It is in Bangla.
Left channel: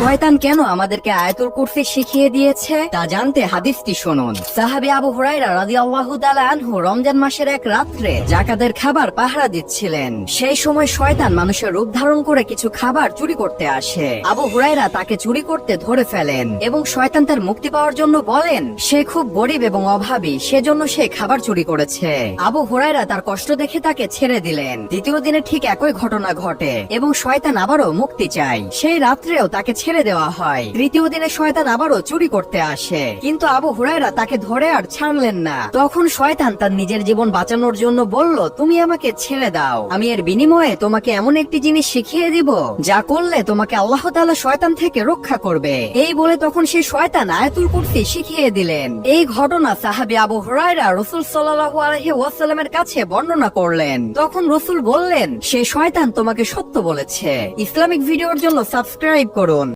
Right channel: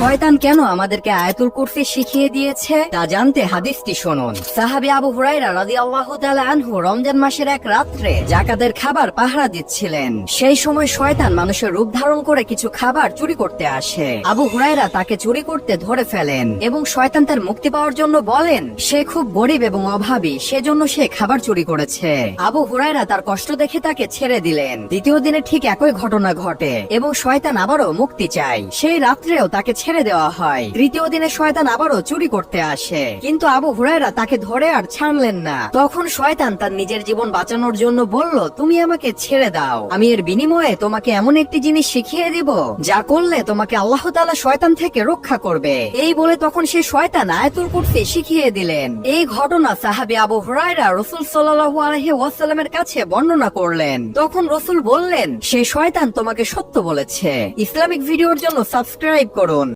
শয়তান কেন আমাদেরকে আয়াতুল কুরসি শিখিয়ে দিয়েছে তা জানতে হাদিসটি শুনুন। সাহাবী আবু হুরায়রা রাদিয়াল্লাহু তাআলা আনহু রমজান মাসের এক রাত্রে যাকাতের খাবার পাহারা দিচ্ছিলেন। সেই সময় শয়তান মানুষের রূপ ধারণ করে কিছু খাবার চুরি করতে আসে। আবু হুরায়রা তাকে চুরি করতে ধরে ফেলেন এবং শয়তান তার মুক্তি পাওয়ার জন্য বলেন সে খুব গরিব এবং অভাবী, সেজন্য সে খাবার চুরি করেছে। আবু হুরায়রা তার কষ্ট দেখে তাকে ছেড়ে দিলেন। দ্বিতীয় দিনে ঠিক একই ঘটনা ঘটে এবং শয়তান আবারও মুক্তি চায়। সেই রাত্রেও তাকে ছেড়ে দেওয়া হয়। তৃতীয় দিনে শয়তান আবারও চুরি করতে আসে, কিন্তু আবু হুরায়রা তাকে ধরে আর ছাড়লেন না। তখন শয়তান তার নিজের জীবন বাঁচানোর জন্য বলল, তুমি আমাকে ছেড়ে দাও, আমি এর বিনিময়ে তোমাকে এমন একটি জিনিস শিখিয়ে দিব যা করলে তোমাকে আল্লাহ তাআলা শয়তান থেকে রক্ষা করবে। এই বলে তখন সে শয়তান আয়াতুল কুরসি শিখিয়ে দিলেন। এই ঘটনা সাহাবী আবু হুরায়রা রাসূল সাল্লাল্লাহু আলাইহি ওয়াসাল্লামের কাছে বর্ণনা করলেন। তখন রাসূল বললেন, সে শয়তান তোমাকে সত্য বলেছে। ইসলামিক ভিডিওর জন্য সাবস্ক্রাইব করুন।